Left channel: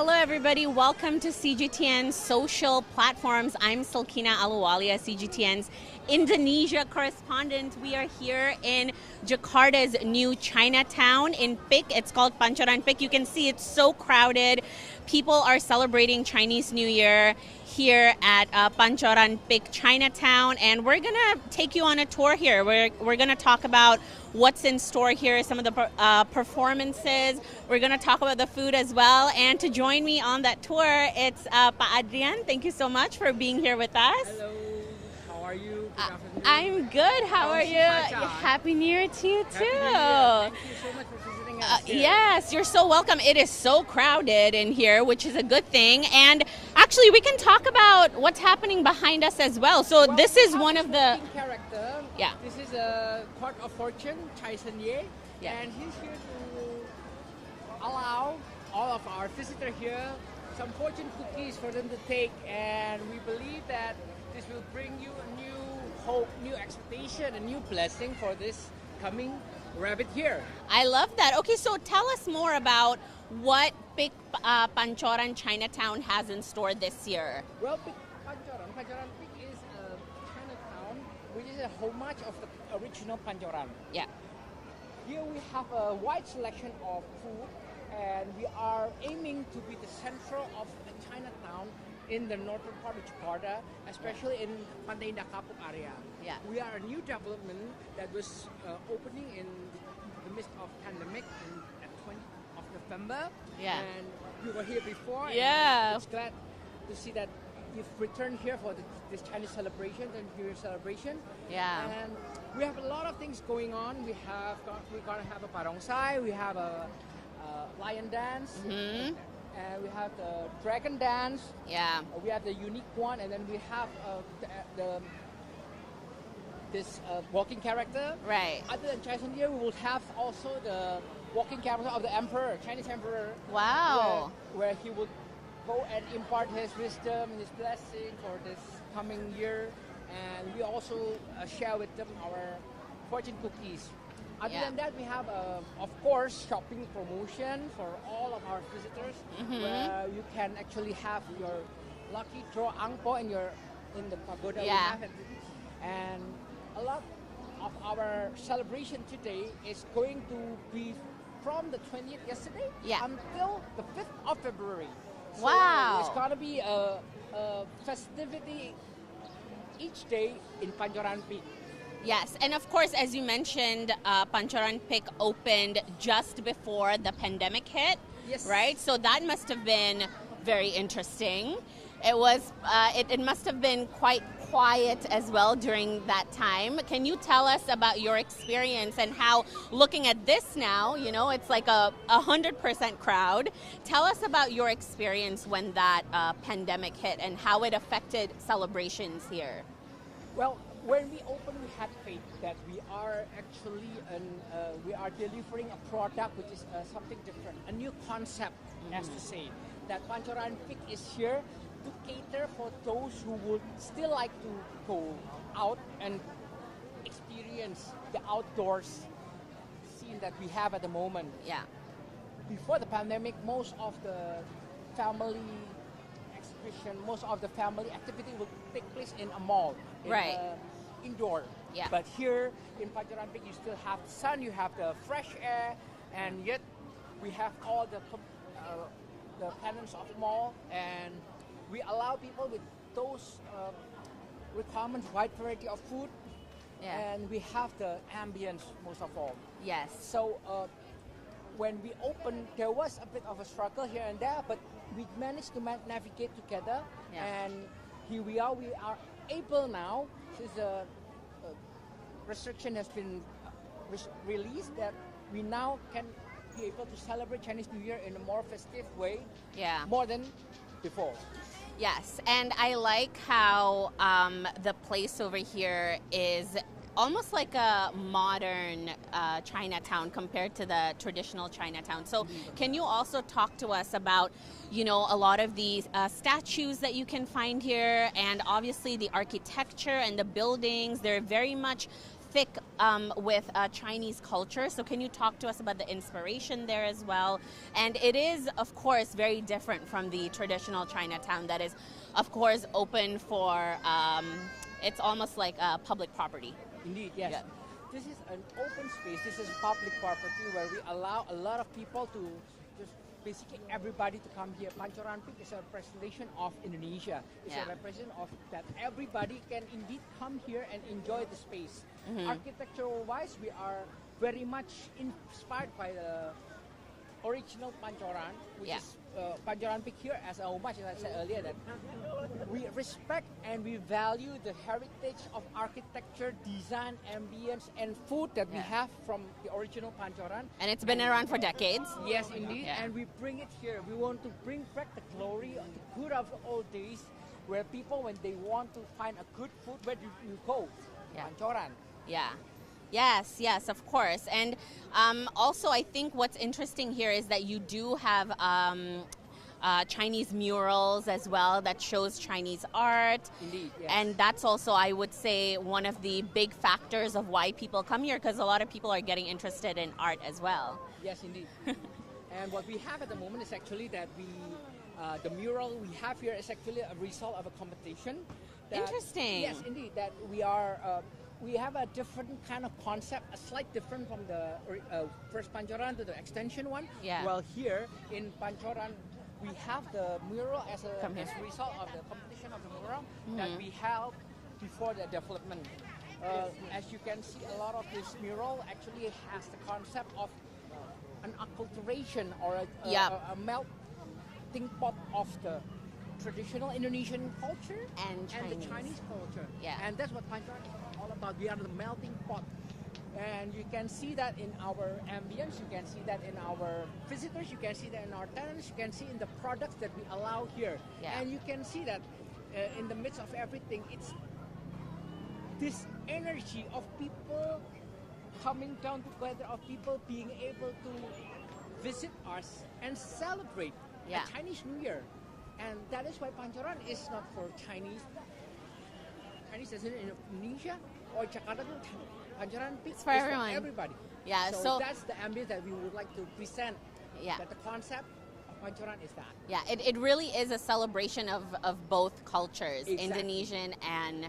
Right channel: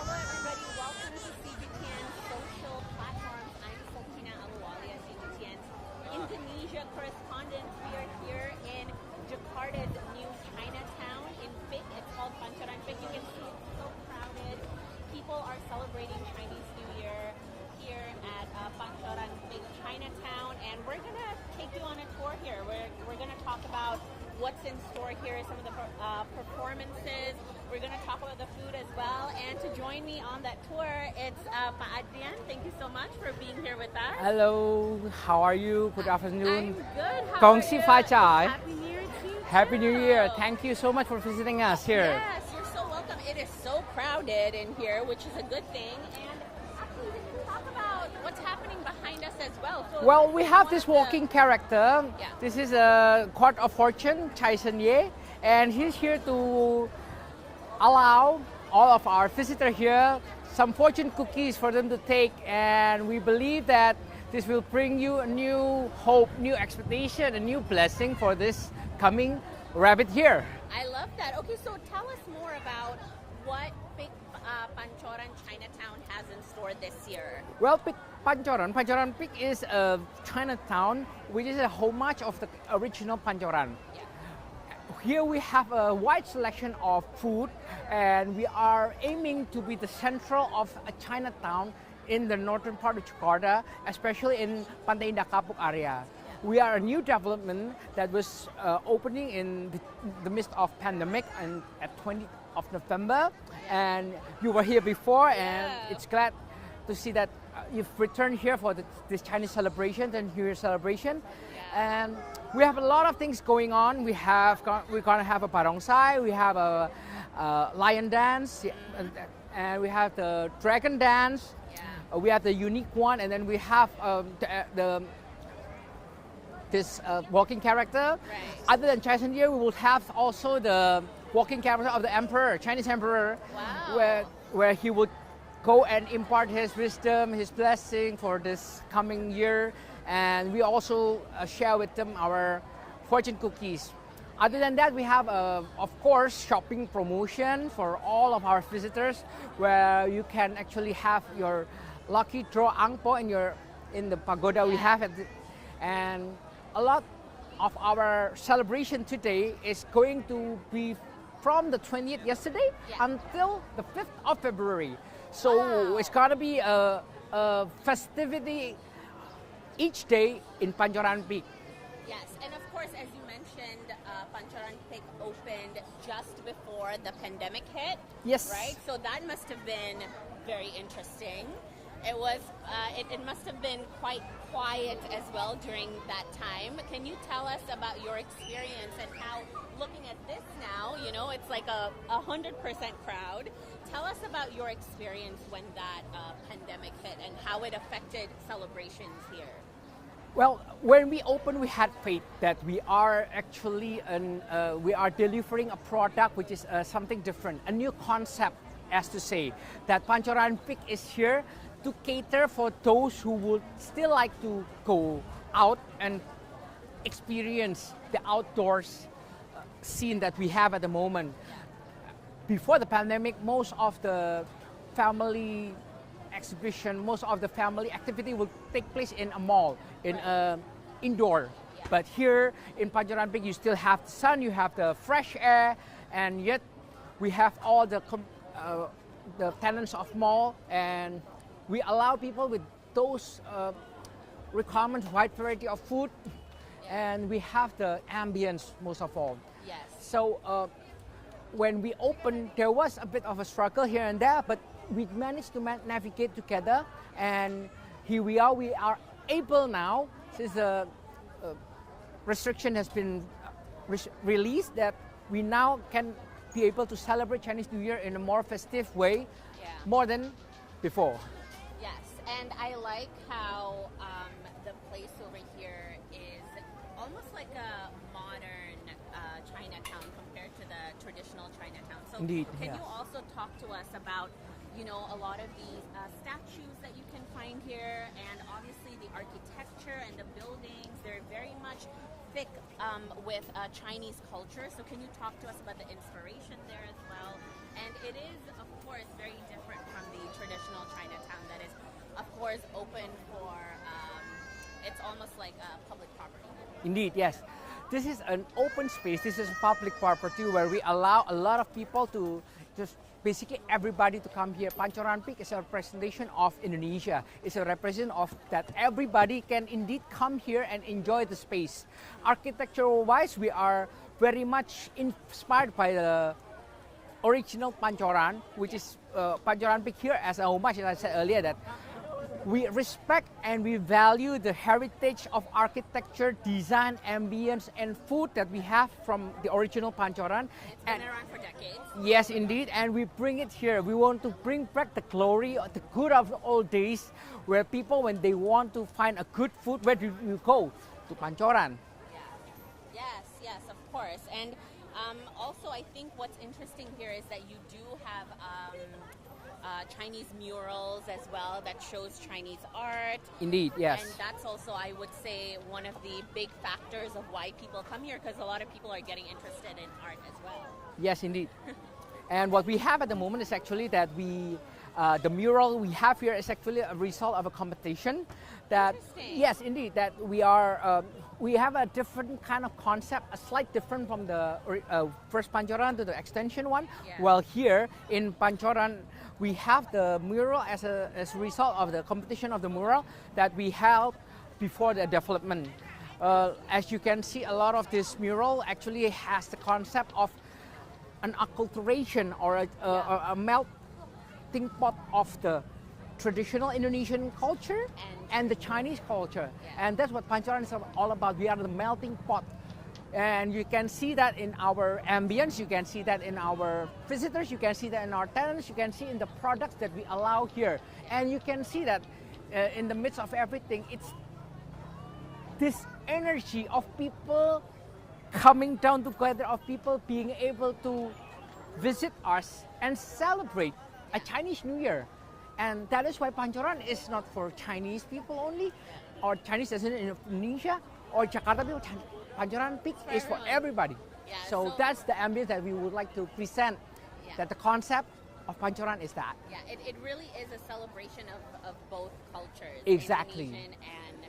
Hello everybody, welcome to CGTN social platforms. I'm Silkina, Ahluwalia, CGTN's Indonesia correspondent. We are here in Jakarta's new Chinatown in Pik. It's called Pancoran Pik. You can see it's so crowded. People are celebrating Chinese New Year here at Pancoran Pik Chinatown, and we're gonna take you on a tour here. We're gonna talk about what's in store here, some of the performances. We're gonna talk about the food as well. And to join me on that tour, it's Pa Adrian. Thank you so much for being here with us. Hello, how are you? Good afternoon. I'm good. How are you? Happy New Year to you too. Happy New Year. Thank you so much for visiting us here. Yes, you're so welcome. It is so crowded in here, which is a good thing. And actually, we can talk about what's happening behind us as well. So this is one of the walking character. Yeah. This is a court of fortune, Chai Sun-ye, and he's here to allow all of our visitors here some fortune cookies for them to take, and we believe that this will bring you a new hope, new expectation, a new blessing for this coming rabbit year. I love that. Okay, so tell us more about what Pik Pancoran Chinatown has in store this year. Well, Pancoran Pik is a Chinatown which is a homage of the original Pancoran. Yeah. Here we have a wide selection of food, and we are aiming to be the central of a Chinatown in the northern part of Jakarta, especially in Pantai Indah Kapuk area. Yeah. We are a new development that was opening in the midst of pandemic and at 20th of November. Yeah. And you were here before, Yeah. and it's glad to see that you've returned here for this Chinese celebration and New Year celebration. Yeah. And we have a lot of things going on. We're gonna have a barongsai, we have a lion dance, and we have the dragon dance. Yeah. We have the unique one, and then we have this walking character. Right. Other than Chai Sun-ye, we will have also the walking character of the emperor, Chinese emperor. Wow. Where he would go and impart his wisdom, his blessing for this coming year. And we also share with them our fortune cookies. Other than that, we have, of course, shopping promotion for all of our visitors, where you can actually have your lucky draw angpo in the pagoda we have it. And a lot of our celebration today is going to be from the 20th yesterday until the 5th of February. So it's gonna be a festivity each day in Pancoran Pik. Yes, and of course, as you mentioned, Pancoran Pik opened just before the pandemic hit. Yes. Right? So that must have been very interesting. It was. It must have been quite quiet as well during that time. Can you tell us about your experience and how, looking at this now, you know, it's like a 100% crowd. Tell us about your experience when that pandemic hit and how it affected celebrations here. Well, when we opened, we had faith that we are actually we are delivering a product which is something different, a new concept, as to say that Pancoran Pik is here to cater for those who would still like to go out and experience the outdoors scene that we have at the moment. Yeah. Before the pandemic, most of the family exhibition, most of the family activity will take place in a mall, in indoor. Yeah. But here in Pancoran Pik, you still have the sun, you have the fresh air, and yet we have all the tenants of mall, and we allow people with those requirements, wide variety of food, and we have the ambience most of all. Yes. So when we opened, there was a bit of a struggle here and there, but we managed to navigate together, and here we are. We are able now, since the restriction has been released, that we now can be able to celebrate Chinese New Year in a more festive way, more than before. Yes, and I like how the place over here is almost like a modern Chinatown compared to the traditional Chinatown. So Indeed, can you also talk to us about, you know, a lot of these statues that you can find here, and obviously the architecture and the buildings, they're very much thick with Chinese culture. So can you talk to us about the inspiration there as well? And it is, of course, very different from the traditional Chinatown that is, of course, open for, it's almost like a public property. Indeed, yes. Yeah. This is an open space. This is public property where we allow a lot of people to just basically everybody to come here. Pancoran Peak is a representation of Indonesia. It's a representation of that everybody can indeed come here and enjoy the space. Architectural-wise, we are very much inspired by the original Pancoran, which is Pancoran Peak here as a homage, as I said earlier, that we respect and we value the heritage of architecture, design, ambience, and food that we have from the original Pancoran. And it's been around for decades. Yes, indeed, and we bring it here. We want to bring back the glory, the good of the old days, where people, when they want to find a good food, where do you go? To Pancoran. Yeah. Yes, of course. And also, I think what's interesting here is that you do have Chinese murals as well that shows Chinese art. Indeed, yes. And that's also, I would say, one of the big factors of why people come here, because a lot of people are getting interested in art as well. Yes, indeed. And what we have at the moment is actually that the mural we have here is actually a result of a competition. That, interesting. Yes, indeed. That we have a different kind of concept, a slight different from the first Pancoran to the extension one. Yeah. Well, here in Pancoran, we have the mural as a result of the competition of the mural that we held before the development. As you can see, a lot of this mural actually has the concept of an acculturation or a melting pot of the traditional Indonesian culture and the Chinese culture. Yeah. And that's what Pancoran is all about. We are the melting pot. And you can see that in our ambience, you can see that in our visitors, you can see that in our tenants, you can see in the products that we allow here. Yeah. And you can see that in the midst of everything, it's this energy of people coming down together, of people being able to visit us and celebrate a Chinese New Year. And that is why Pancoran is not for Chinese people only, or Chinese residents in Indonesia, or Jakarta people. Pancoran Peak is for everybody. Yeah, so that's the ambience that we would like to present. Yeah. That the concept of Pancoran is that. Yeah, it really is a celebration of both cultures, Exactly. Indonesian and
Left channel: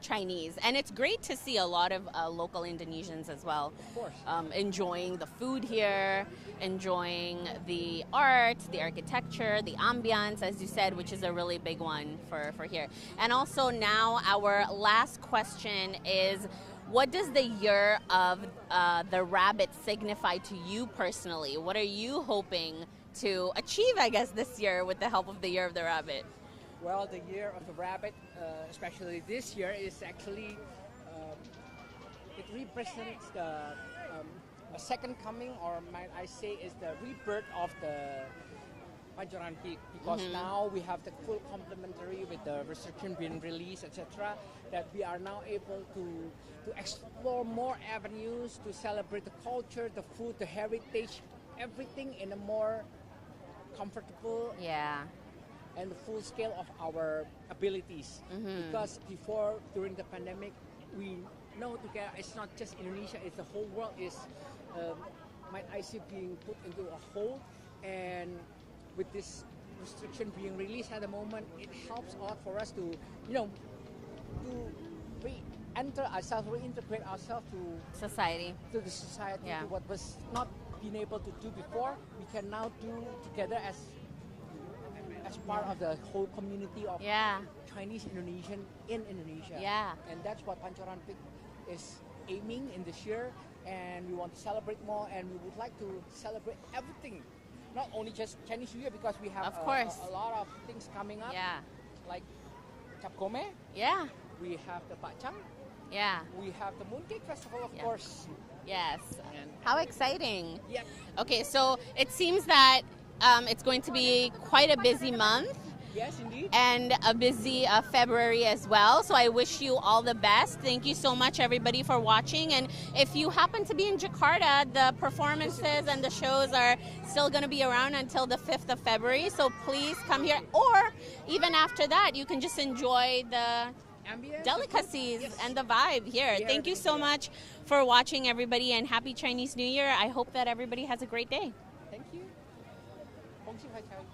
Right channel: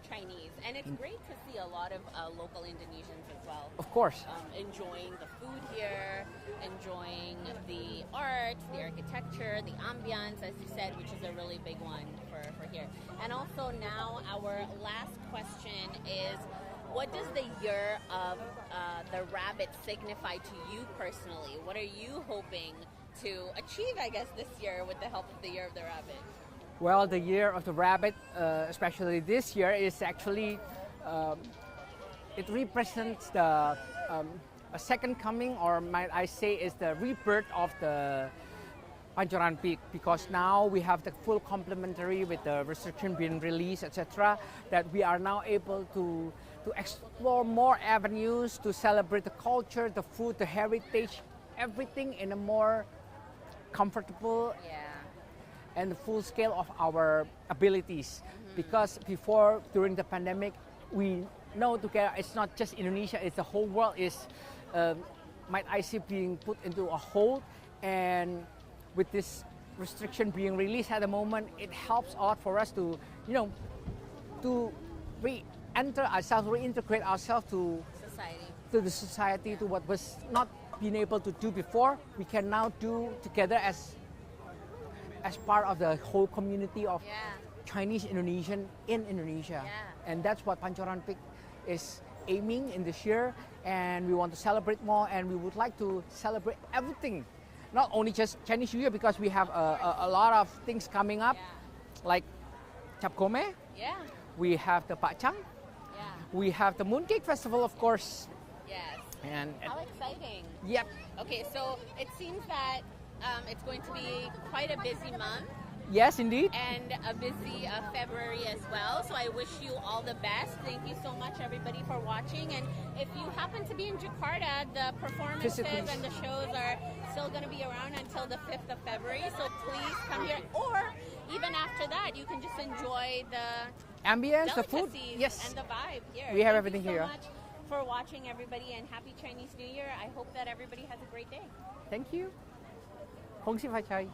Chinese. And it's great to see a lot of local Indonesians as well. Of course. Enjoying the food here, enjoying the art, the architecture, the ambiance, as you said, which is a really big one for here. And also now our last question is, what does the year of the rabbit signify to you personally? What are you hoping to achieve, I guess, this year with the help of the year of the rabbit? Well, the year of the rabbit, especially this year, is actually, it represents the a second coming, or might I say is the rebirth of the Pancoran Peak, because now we have the full complementary with the restriction being released, etc., that we are now able to explore more avenues to celebrate the culture, the food, the heritage, everything in a more comfortable and the full scale of our abilities. Because before, during the pandemic, we know together it's not just Indonesia, it's the whole world is, might I say, being put into a hold. And with this restriction being released at the moment, it helps a lot for us to, to re-enter ourselves, reintegrate ourselves to Society. To the society, to what was not being able to do before. We can now do together as part of the whole community of Chinese Indonesian in Indonesia. And that's what Pancoran Peak is aiming in this year. And we want to celebrate more, and we would like to celebrate everything. Not only just Chinese New Year, because we have a lot of things coming up, like Cap Gome. We have the Pakcang. We have the Mooncake Festival, of course. Yes. And how exciting. Yep. Okay, so it seems that it's going to be quite a busy month. Yes, indeed. And a busy February as well. So I wish you all the best. Thank you so much, everybody, for watching. And if you happen to be in Jakarta, the performances and the shows are still going to be around until the 5th of February. So please come here. Or even after that, you can just enjoy the ambience, the food. delicacies Yes. and the vibe here. We have Thank you everything so here. much for watching, everybody, and happy Chinese New Year. I hope that everybody has a great day. Thank you. Hong Si Fai Chai.